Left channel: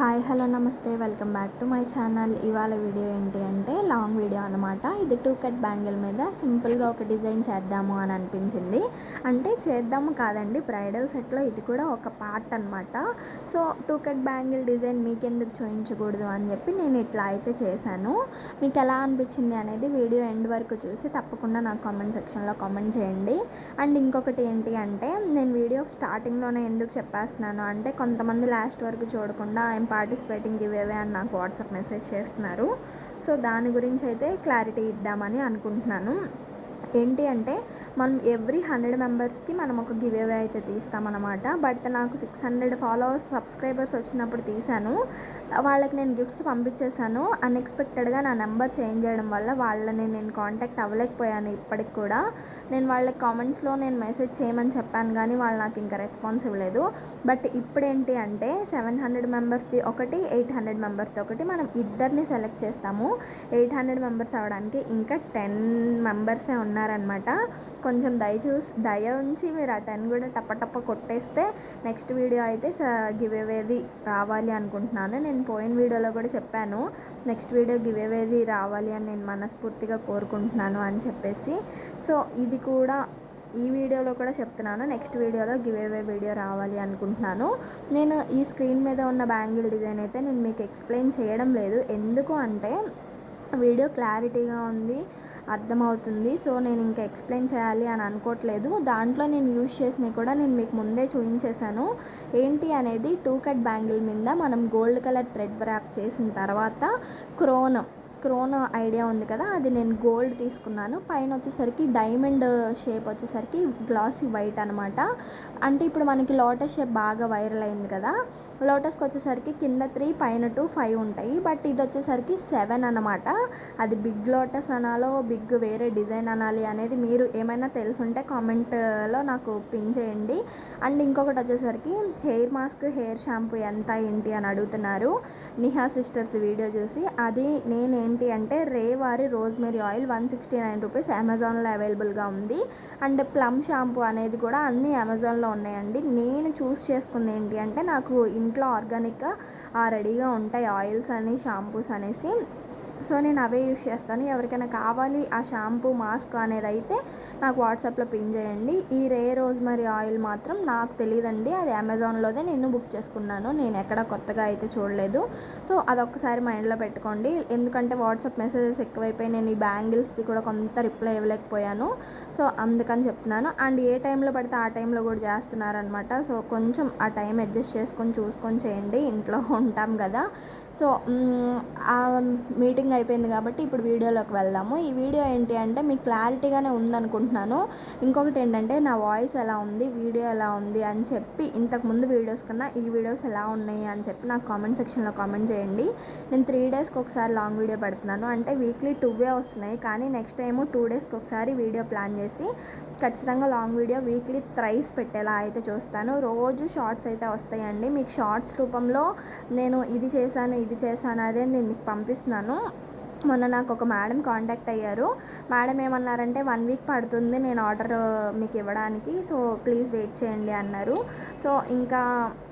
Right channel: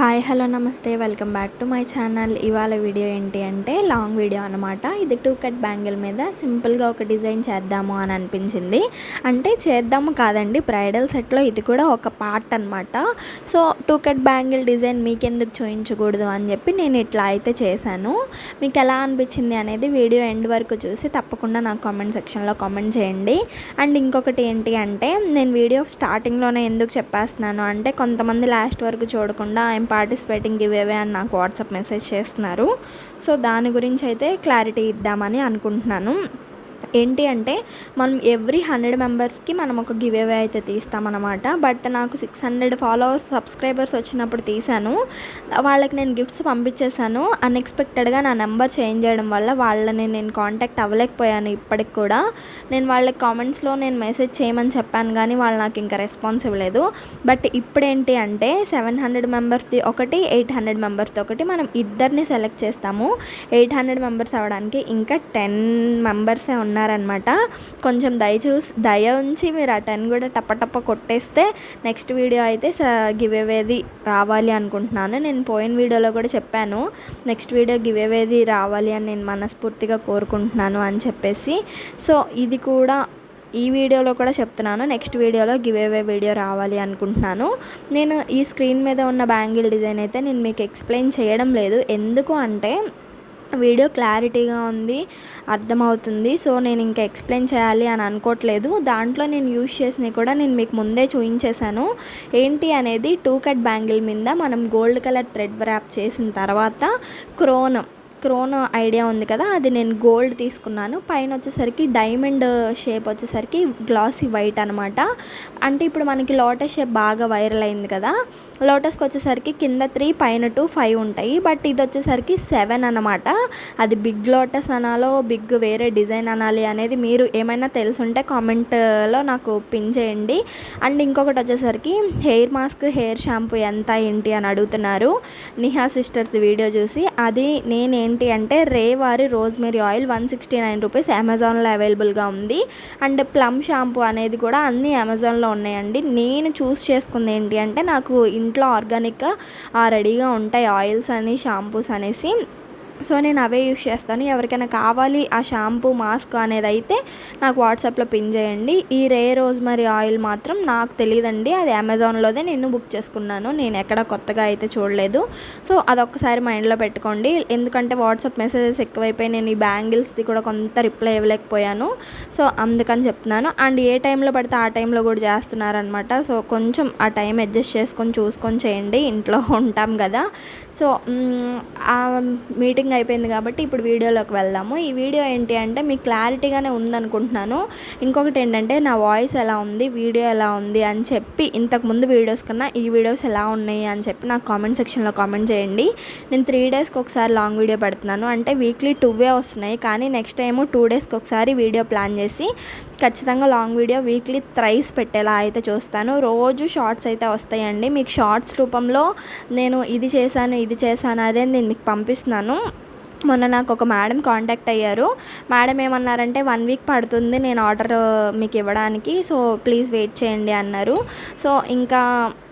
Hi hello నమస్తే welcome back to my channel. ఇవాళ video ఏంటి అంటే లాంగ్ వీడియో అనమాట. ఇది 2 కట్ బ్యాంగిల్ మీద సింపుల్గా ఒక డిజైన్ చేద్దాము అని అనిపించింది. అంటే చేద్దాము కాదండి, బ్రైడల్ సెట్లో ఇది కూడా ఒక పార్ట్ అనమాట. సో 2 కట్ బ్యాంగిల్ డిజైన్ మీకెందుకు చూపించకూడదు అని చెప్పి నేను ఇట్లా అయితే చేశాను. మీకు ఎలా అనిపించింది అనేది వీడియో ఎండ్ వరకు చూసి తప్పకుండా నాకు కామెంట్ సెక్షన్లో కామెంట్ చేయండి. అండ్ ఇంకొకటి ఏంటి అంటే, నేను వీడియో స్టార్టింగ్లోనే ఎందుకు చెప్పేస్తున్నాను అంటే, కొంతమంది లాస్ట్ వరకు చూడకుండా పార్టిసిపేటింగ్ గివేవే అని నాకు వాట్సాప్ మెసేజ్ చేస్తున్నారు. సో దాని గురించి అయితే క్లారిటీ ఇద్దామని అనుకుంటున్నాను. ఏంటి అంటే, మనం ఎవ్రీ 100 మెంబర్స్కి మనం ఒక గివేవే అయితే తీస్తామన్నమాట. బట్ నాకు 600 సబ్స్క్రైబర్స్ వచ్చినప్పుడు తీశాను. వాళ్ళకి నేను గిఫ్ట్స్ పంపించేశాను. అన్ఎక్స్పెక్టెడ్గా నా నెంబర్ చేంజ్ చేయడం వల్ల వాళ్ళని నేను కాంటాక్ట్ అవ్వలేకపోయాను. ఇప్పటికి కూడా నేను వాళ్ళకి కామెంట్స్లో నేను మెసేజ్ చేయమని చెప్పాను, కానీ వాళ్ళు నాకు ఇంకా రెస్పాన్స్ ఇవ్వలేదు. బట్ ఇప్పుడేంటి అంటే 700 మెంబర్స్ది ఒకటి, 800 మెంబర్స్ది ఒకటి, మనం ఇద్దరిని సెలెక్ట్ చేస్తాము. 800 మెంబర్స్ అవ్వడానికి ఇంకా 10 మెంబర్సే ఉన్నారనమాట. కొంచెం దయ ఉంచి మీరు ఆ 10 కూడా టప్ప కొట్టేస్తే నెక్స్ట్ వీడియో అయితే గివేవేది రావాలి అనుకుంటున్నాను. నేను పోయిన వీడియోలో కూడా చెప్పాను, నెక్స్ట్ వీడియో గివేవేది రావాలి అని నేను మనస్ఫూర్తిగా కోరుకుంటున్నాను అని చెప్పేసి. సో ఇది కూడా ఈ వీడియోలో కూడా చెప్తున్నాను, నెక్స్ట్ వీడియోలో గివేవే వీడియో రావాలి అనుకుంటున్నాను. నేను ఈ స్క్రీన్ మీద ఉన్న బ్యాంగిల్ డిజైన్ అయితే నేను మీకు ఎక్స్ప్లెయిన్ చేయడం లేదు. ఎందుకు అంటే వీడియో క్లారిటీగా ఉంది, అర్థమవుతుంది. సో నేను ఇంకా ఎక్స్ప్లెయిన్ చేయాలి అని అనుకోవట్లేదు. దాంట్లో నేను యూజ్ చేసినవి కూడా నేను మీకు ముందే చూపించేశాను. ఏంటి అనేది, 2 కట్ బ్యాంగిల్ మీద మనం గోల్డ్ కలర్ థ్రెడ్ వ్రాప్ చేసిన తర్వాత క్రోన్ ఐడియా ఉంది కదా, అది నేను గోల్డ్ తీసుకున్నాను. పైన వచ్చేసరికి డైమండ్ షేప్ వచ్చేసరికి గ్లాసీ వైట్ అనమాట. అంటే ఇప్పుడు మనకి లోటస్ షేప్ బాగా వైరల్ అయింది కదా, లోటస్కి వచ్చేసరికి కింద 3 పైన 2 5 ఉంటాయి. బట్ ఇది వచ్చేసరికి 7 అనమాట. అది బిగ్ లోటస్ అనాలో బిగ్ వేరే డిజైన్ అనాలి అనేది మీరు ఏమైనా తెలుసుంటే కామెంట్లో నాకు పిన్ చేయండి. అండ్ ఇంకొకటి వచ్చేసరికి హెయిర్ మాస్క్, హెయిర్ షాంపూ ఎంత ఏంటి అని అడుగుతున్నారు నిహా సిస్టర్స్ వీడియో చూసి. అది ఏంటి అంటే, రేవారి రోజ్మెరీ ఆయిల్ 169 రూపీస్ అమెజాన్లో అవైలబుల్గా ఉంది. అండ్ ప్లమ్ షాంపూ అనేది కూడా అన్నీ అమెజాన్లో ఉన్నాయండి. నేను చూస్ చేసుకుంది ఏంటి అంటే, నాకు ఇంట్లో ఆర్గానిక్గా రెడీగా ఉంటాయి ఆయిల్స్ అని, షాంపూస్ అనేసి. సో నేను అవే యూస్ చేస్తాను. ఎవరికైనా కావాలి ఆ షాంపూ, మాస్క్ అనేది అయితే నాకు వాట్సాప్లో పిన్ చేయండి. ఈ రోజ్మరీ ఆయిల్ మాత్రం నాకు తెలియదండి, అది అమెజాన్లోదే నేను బుక్ చేసుకున్నాను. నేను ఎక్కడ కొత్తగా అయితే చూడలేదు. సో అదొక్కసారి మైండ్లో పెట్టుకోండి. ఎందుకంటే వాట్సాప్ మెసేజెస్ ఎక్కువైపోయి నేను ఈ బ్యాంగిల్స్ది కూడా కొంత రిప్లై ఇవ్వలేకపోయాను. సో అందుకని చెప్తున్నాను. అండ్ ఏ టైంలో పడితే ఆ టైంలో కూడా చేస్తున్నారనమాట. సో కొంచెం ఆ టైం అడ్జస్ట్ చేసుకొని చూసుకొని చేయండి, ఇంట్లో ఉంటాం కదా. సో ఆ మీటింగ్ అయిపోయింది కాబట్టి ఇప్పుడు వీడియోలోకి వెళ్దాము. ఈ వీడియో ఏంటి అంటే మీకు క్లారిటీగానే ఉందనుకుంటున్నాను. ఇంకొకటి ఏంటంటే, నా వాయిస్ ఎలా ఉంది, వీడియో ఎలా ఉంది అని చెప్పి ఇంతకుముందు వీడియోస్ కన్నా ఈ వీడియోస్ ఎలా ఉన్నాయి అని చెప్పి నాకు కామెంట్ సెక్షన్లో కామెంట్ చేయండి. నేను 3 డేస్కి ఒకసారి లాంగ్ వీడియో పెడుతున్నాను. అంటే వీక్లీ 2 వస్తున్నాయి, కానీ నెక్స్ట్ టైము 2 డేస్కి ఒకసారి వీడియో ప్లాన్ చేసి ఖచ్చితంగా లాంగ్ వీడియో వీక్లీ థ్రైస్ పెట్టేలా అయితే చూస్తాను. రోజు షార్ట్స్ అయితే వస్తాయండి. మీకు షార్ట్స్ రూపంలో నేను ఇది చేశాను అదే నేను మీకు పంపిస్తున్నాను. మొన్న నాకు ఒక మేడం కాంటాక్ట్ అయ్యారు. మేడం ఏమన్నారంటే, 1 వీక్ పడుతుంది నేను ఆర్డర్ మీకు ఇవ్వడానికి, సో ప్లీజ్ వెయిట్ చేయండి అన్నారు. సో ఇంకా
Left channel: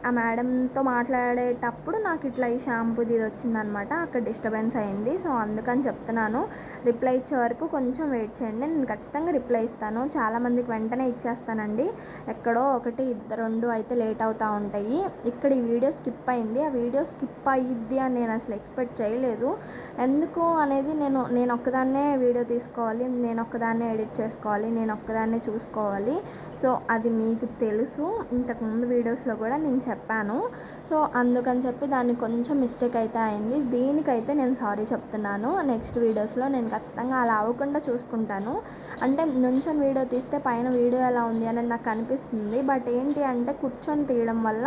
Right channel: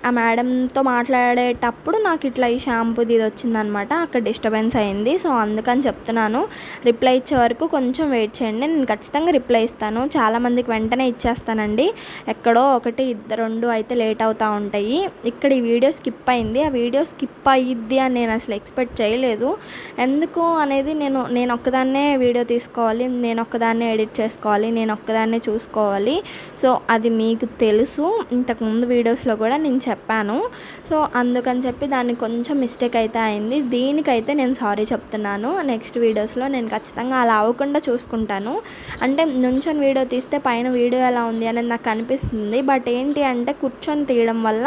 ఆ మేడంతో మాట్లాడేటప్పుడు నాకు ఇట్లా ఈ షాంపూది ఇది వచ్చిందనమాట. అక్కడ డిస్టర్బెన్స్ అయింది. సో అందుకని చెప్తున్నాను, రిప్లై ఇచ్చే వరకు కొంచెం వెయిట్ చేయండి. నేను ఖచ్చితంగా రిప్లై ఇస్తాను. చాలామందికి వెంటనే ఇచ్చేస్తానండి. ఎక్కడో 1, 2 అయితే లేట్ అవుతూ ఉంటాయి. ఇక్కడ ఈ వీడియో స్కిప్ అయింది. ఆ వీడియో స్కిప్ అయ్యిద్ది అని నేను అసలు ఎక్స్పెక్ట్ చేయలేదు. ఎందుకు అనేది, నేను ఒక్కదాన్నే వీడియో తీసుకోవాలి, నేను ఒక్కదాన్నే ఎడిట్ చేసుకోవాలి, నేను ఒక్కదాన్నే చూసుకోవాలి. సో అది మీకు తెలుసు, ఇంతకుముందు వీడియోస్లో కూడా నేను చెప్పాను. సో అందుకని చెప్పి దాన్ని కొంచెం మిస్టేక్ అయితే అయింది. దీనికైతే నేను సారీ చెప్తున్నాను. నెక్స్ట్ వీడియోస్లో నేను ఖచ్చితంగా అలా అవ్వకుండా చూసుకుంటాను. అంటే నుంచొని వీడియో తీస్తే పైన వీడియో ఎలా ఉంది అనేది నాకు అనిపిస్తుంది. బట్ ఏంటి అంటే, కూర్చొని తీయడం వల్ల,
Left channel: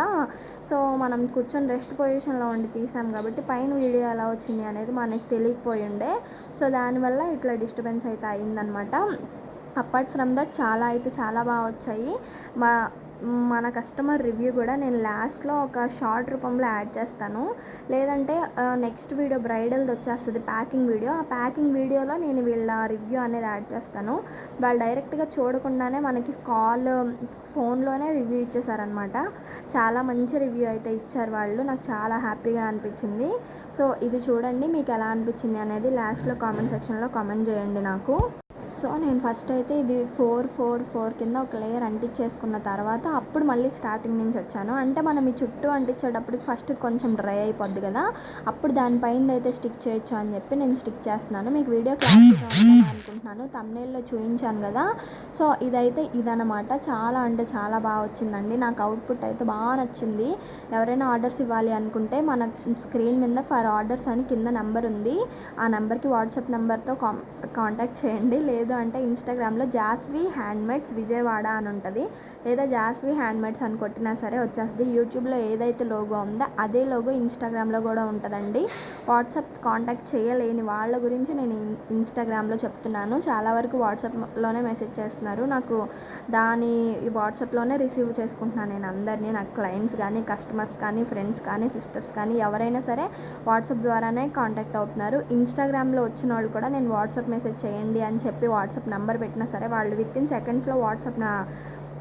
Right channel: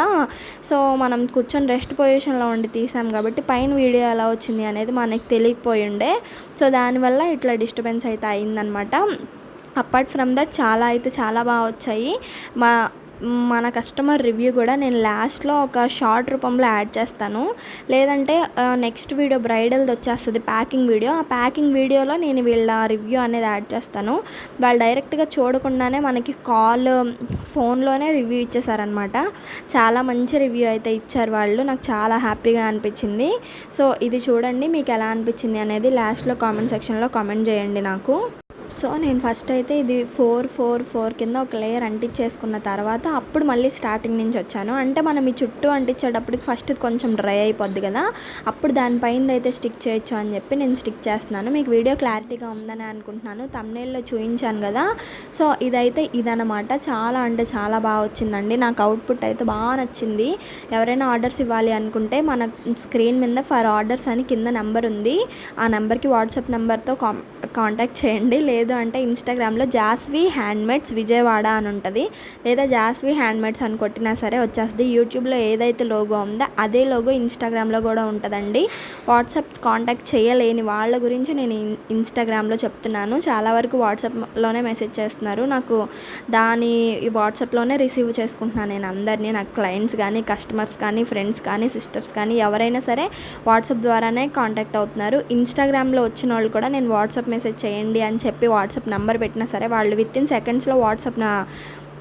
సో మనం కూర్చొని రెస్ట్ పొజిషన్లో ఉండి తీసాం కాబట్టి పైన వీడియో ఎలా వచ్చింది అనేది మనకి తెలియకపోయి ఉండే. సో దానివల్ల ఇట్లా డిస్టర్బెన్స్ అయితే అయిందనమాట. అపార్ట్ ఫ్రమ్ దట్ చాలా బాగా వచ్చాయి. మన కస్టమర్ రివ్యూ కూడా నేను లాస్ట్లో ఒక షార్ట్ రూపంలో యాడ్ చేస్తాను. లేదంటే నెక్స్ట్ వీడియో బ్రైడల్ది వచ్చేస్తుంది ప్యాకింగ్ వీడియో. ఆ ప్యాకింగ్ వీడియోలో నేను వీళ్ళ రివ్యూ అనేది యాడ్ చేస్తాను. వాళ్ళు డైరెక్ట్గా చూడకుండానే మనకి ఫోన్లోనే రివ్యూ ఇచ్చేసారనమాట. చాలా మంచి రివ్యూ అయితే ఇచ్చారు వాళ్ళు. నాకు చాలా హ్యాపీగా అనిపించింది. సో ఇది చూడండి, మీకు ఎలా అనిపించింది అనేది లాస్ట్లో కామెంట్ సెక్షన్లో కామెంట్ చేయండి నాకు. సో నేను ఫస్ట్ అయితే ఇది 4 కింద ఒక లేయర్ అంటించేసుకున్న తర్వాత అప్పుడు మళ్ళీ స్టార్టింగ్ నుంచి వచ్చాను. అంటే మనం ఈ చుట్టూ అంటించేటప్పటికి ఫస్ట్ కొంచెం డ్రై అయిపోద్ది కదా, అప్పుడు దానిపైన అయితే స్టిక్ చేయొచ్చు అని చెప్పి నేను స్టిక్ చేస్తున్నాను. మీకు వీడియో క్లారిటీగా ఉందని అనుకుంటున్నాను, థంబ్నెయిల్లో చూపించాను కదా. సో ఇదైతే ఇదనమాట. చాలా అంటే చాలా బాగా వచ్చిందండి. నాకు అవుట్పుట్ అయితే బాగా నచ్చింది. ఎవరైనా ఆర్డర్స్ ఇవ్వాలి అనుకుంటే మన స్క్రీన్ మీద ఫర్ ఆర్డర్స్ అని కింద నెంబర్ ఉంది. ఆ నెంబర్కి వాట్సాప్ నెంబర్తో కాంటాక్ట్ చేయండి. లేదు అంటే ఇన్స్టాగ్రామ్లో జాస్వి హ్యాండ్మేడ్స్ విజయవాడ అని ఉంటుంది, లేదా జాస్వి హ్యాండ్మేడ్స్ అని కొట్టినా సరే వచ్చేస్తుంది. యూట్యూబ్లో ఏదైతే లోగో ఉందో అదే లోగో ఇన్స్టాగ్రామ్లో కూడా ఉంటుందండి. వాట్సాప్ కాంటాక్ట్ చేయలేని వాళ్ళ గురించి నేను ఇన్స్టాగ్రామ్లో చెప్తున్నాను. చాలా వరకు వాట్సాప్లోనే మెసేజ్ చేస్తున్నారు. నాకు ఈ వాట్సాప్లోనే రిసీవ్ చేసుకుంటున్నాను నేను అందరినీ. నాకు క్లయింట్స్ కానీ, కస్టమర్స్ కానీ, ఫ్రెండ్స్ కానీ, సిస్టర్స్ కానీ ఎవరైనా సరే వాట్సాప్ ద్వారానే కాంటాక్ట్ అవుతున్నారు. ఇన్స్టాగ్రామ్లో వచ్చిన వాళ్ళు కూడా నేను వాట్సాప్ మెసేజ్ చేయండి అని చెప్పి వాట్సాప్ నెంబర్ పెట్టినా సరే వాళ్ళు వితిన్ సెకండ్స్లో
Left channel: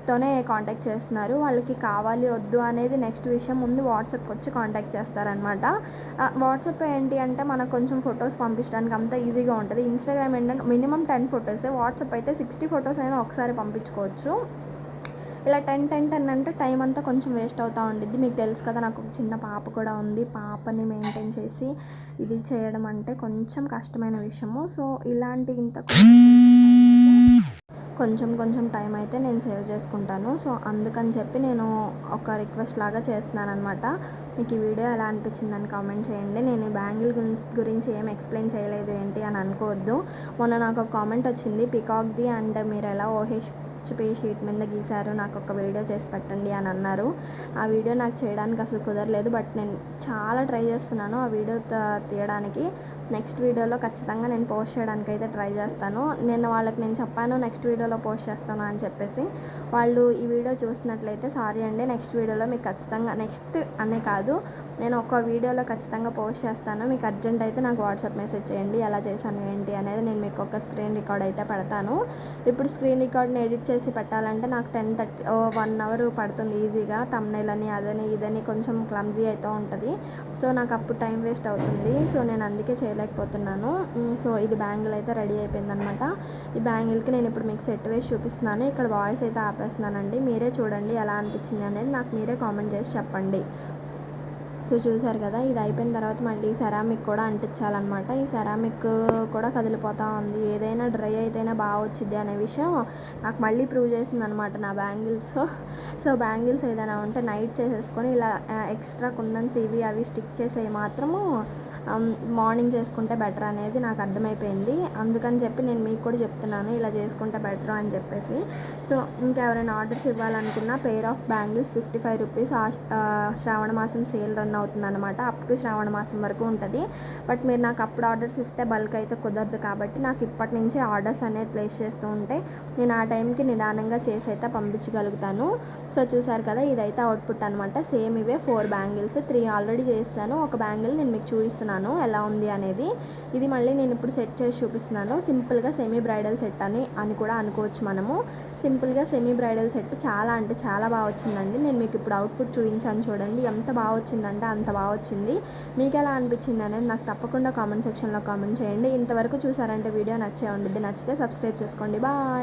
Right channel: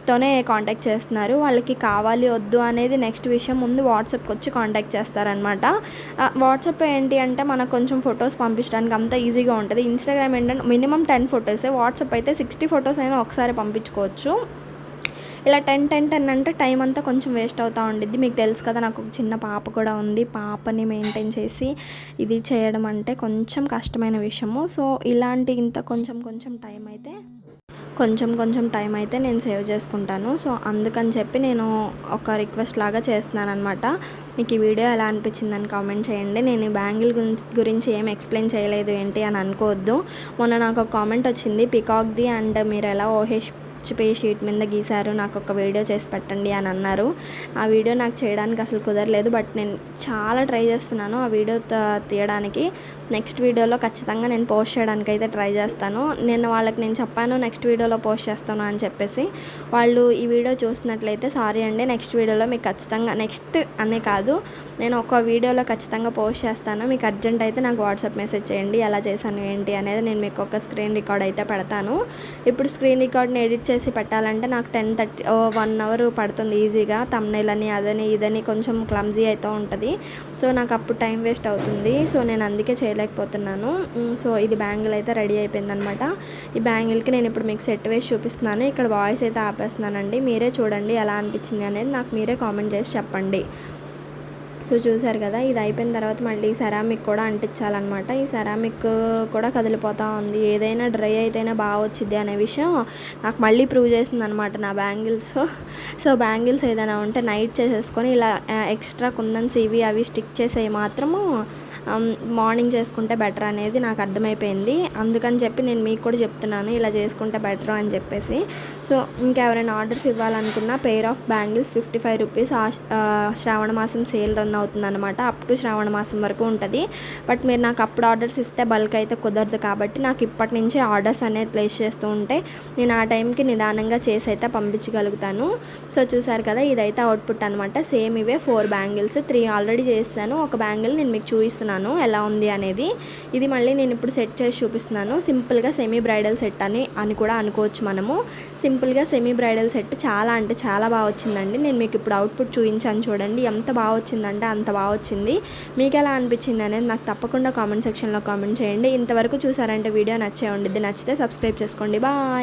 తోనే కాంటాక్ట్ చేస్తున్నారు. వాళ్ళకి కావాలి వద్దు అనేది నెక్స్ట్ విషయం, ముందు వాట్సాప్కి వచ్చి కాంటాక్ట్ చేస్తారనమాట. వాట్సాప్ ఏంటి అంటే మనకు కొంచెం ఫొటోస్ పంపించడానికి అంత ఈజీగా ఉంటుంది. ఇన్స్టాగ్రామ్ ఏంటంటే మినిమం 10 ఫొటోసే, వాట్సాప్ అయితే 60 ఫొటోస్ అయినా ఒకసారి పంపించుకోవచ్చు. ఇలా 10 అంటే టైం అంతా కొంచెం వేస్ట్ అవుతూ ఉండిద్ది. మీకు తెలుసు కదా, నాకు ఒక చిన్న పాప కూడా ఉంది. పాపని మెయింటైన్ చేసి ఇది చేయడం అంటే కొంచెం కష్టమైన విషయము. సో ఇలాంటి కొంచెం టైం అయితే నేను సేవ్ చేసుకుంటాను. సో అందుకని చెప్పి నేను ఒక రిక్వెస్ట్ లాగా చేస్తున్నాను అనమాట. మీకు ఈ వీడియో ఎలా అనిపించిందని కామెంట్ చేయండి. నేను ఈ బ్యాంగిల్ గురించి ఏం ఎక్స్ప్లెయిన్ చేయలేదు ఏంటి అని అనుకోవద్దు. మొన్న నాకు ఒక కామెంట్ వచ్చింది, పికాక్ది అండ్ మీరు ఎలా షీట్ మీద గీశారు, నాకు ఒక వీడియో చేసి పెట్టండి అని అన్నారు. ఆ వీడియో నాకు చేయడానికి అసలు కుదరలేదు. బట్ నేను చాలా ట్రై చేస్తున్నాను ఆ వీడియో తీయడానికి. నెక్స్ట్ వీడియోలో ఖచ్చితంగా నేను పోస్ట్ చేయడానికి అయితే ట్రై చేస్తాను. నేను చెప్పాను నెక్స్ట్ వీడియోలో పోస్ట్ చేస్తాను అని చెప్పేసి. వాళ్ళు ఈ వీడియో చూసినట్లయితే సారీ అండి, నెక్స్ట్ వీడియోలో మీకు ఖచ్చితంగా, నెక్స్ట్ అనే కాదు, నేను ఒక వీడియోలో ఖచ్చితంగా పోస్ట్ చేస్తాను. మీకు అర్జెంట్ అయితే నాకు వాట్సాప్ మెసేజ్ చేయండి ఎలా చేశాను ఏంటి అనేది. నేను మీకు ఒక స్క్రీన్ రికార్డ్ అయితే పెడతాను. ఇప్పుడు స్క్రీన్ రికార్డ్ని ఎడిట్ చేసి పెట్టాలంటే నాకు 1 అవర్ పడుతుంది ఈజీగా. థంబ్నెయిల్ అని అదని ఇదని కొంచెం క్లమ్జీ అయితే ఉంటుంది. సో నాకు అప్పుడు టైం వేస్ట్ అవుతుంది. సో నేను అందుకే చేయలేకపోతున్నాను. సో ఇది బ్యాంగిల్ అయితే రెడీ అయిపోయింది అనమాట. ఈ బ్యాంగిల్కి నేను ఇప్పుడు మీకు సెట్ వేసి చూపిస్తున్నాను. ఇక్కడ వాయిస్ అయితే ఆపేస్తున్నానండి. మీరే చూడండి ఎలా అనిపించింది అనేది నాకు మీరే కామెంట్ చేసి చెప్పండి. సో చూసారు కదా, ఇది అయిపోయిన తర్వాత మళ్ళీ సెరామిక్ కూడా అంటించాలన్నమాట. ఈ సెరామిక్ కూడా కదిలిపోతూ ఉంది. ఏదైనా డ్రై అయితేనే బాగా వచ్చింది అనే విషయం నాకు మళ్ళీ ప్రూవ్ చేసింది అనమాట నా బ్యాంగిల్స్. సో బ్యాంగిల్స్ ఏదైనా ఉంటే నైట్ చేసేసుకొని ఇలా ఎక్స్ట్రా కుందన్స్ ఇవి అవి స్టిక్ చేసేవి మాత్రము మార్నింగ్ చేసుకుంటే బెటర్ అనేది నాకు అర్థమైపోయింది. అందుకని చెప్పి నేను మీకు కూడా చెప్తున్నాను ఇలా చేసుకుంటే బెటర్ అని చెప్పేసి. సో ఇంకెవరైనా ఆర్డర్స్ ఇవ్వాలనుకున్న పెయిర్ ఆఫ్ బ్యాంగిల్స్ 55 రూపీస్. శ్రావణ మాసం సేల్ రన్ అవుతుంది అనమాట. అప్ టు శ్రావణ మాసం వరకు ఉంటుంది. బట్ మీరు నాకు అప్పుడు ఆర్డర్స్ ఇస్తే బల్క్ అయితే కుదరదు కాబట్టి నాకు ఇప్పటి నుంచే ఆర్డర్స్ అనేది ప్లేస్ చేస్తూ ఉంటే నేను ఆ టైంకి నిదానంగా చేసి అయితే పంపించగలుగుతాను. సో చూసారు కదా, ఇదైతే అవుట్పుట్ అనమాట. సేమ్ ఇవే 4 బ్యాంగిల్స్, 3 ఆల్రెడీ చేస్తాను. ఒక బ్యాంగిల్ నేను మీకు చూపిస్తున్నాను ఎలా ఉంది అనేది. ఇది మళ్ళీ నేను ఇప్పుడు సెట్ చేసి చూపిస్తున్నాను. సింపుల్గా సెమీ బ్రైడల్ సెట్ అని కూడా అనుకోవచ్చు మనము. సింపుల్గా సెమీ బ్రైడల్ సెట్ చాలా అంటే చాలా బాగా వచ్చిందండి. నేను మీకు ఇప్పుడు అవుట్పుట్ చూపించాను చూడండి, ఎంత బాగా వచ్చిందంటే అంత బాగా వచ్చింది. మీకు ఎలా అనిపించింది అనేది నాకు తప్పకుండా కామెంట్ సెక్షన్లో కామెంట్ చేయండి. ఇంతవరకు చూసారంటే వీడియో నచ్చే ఉండిద్ది. నచ్చితే సబ్స్క్రైబ్ చేసుకోండి. బాయ్.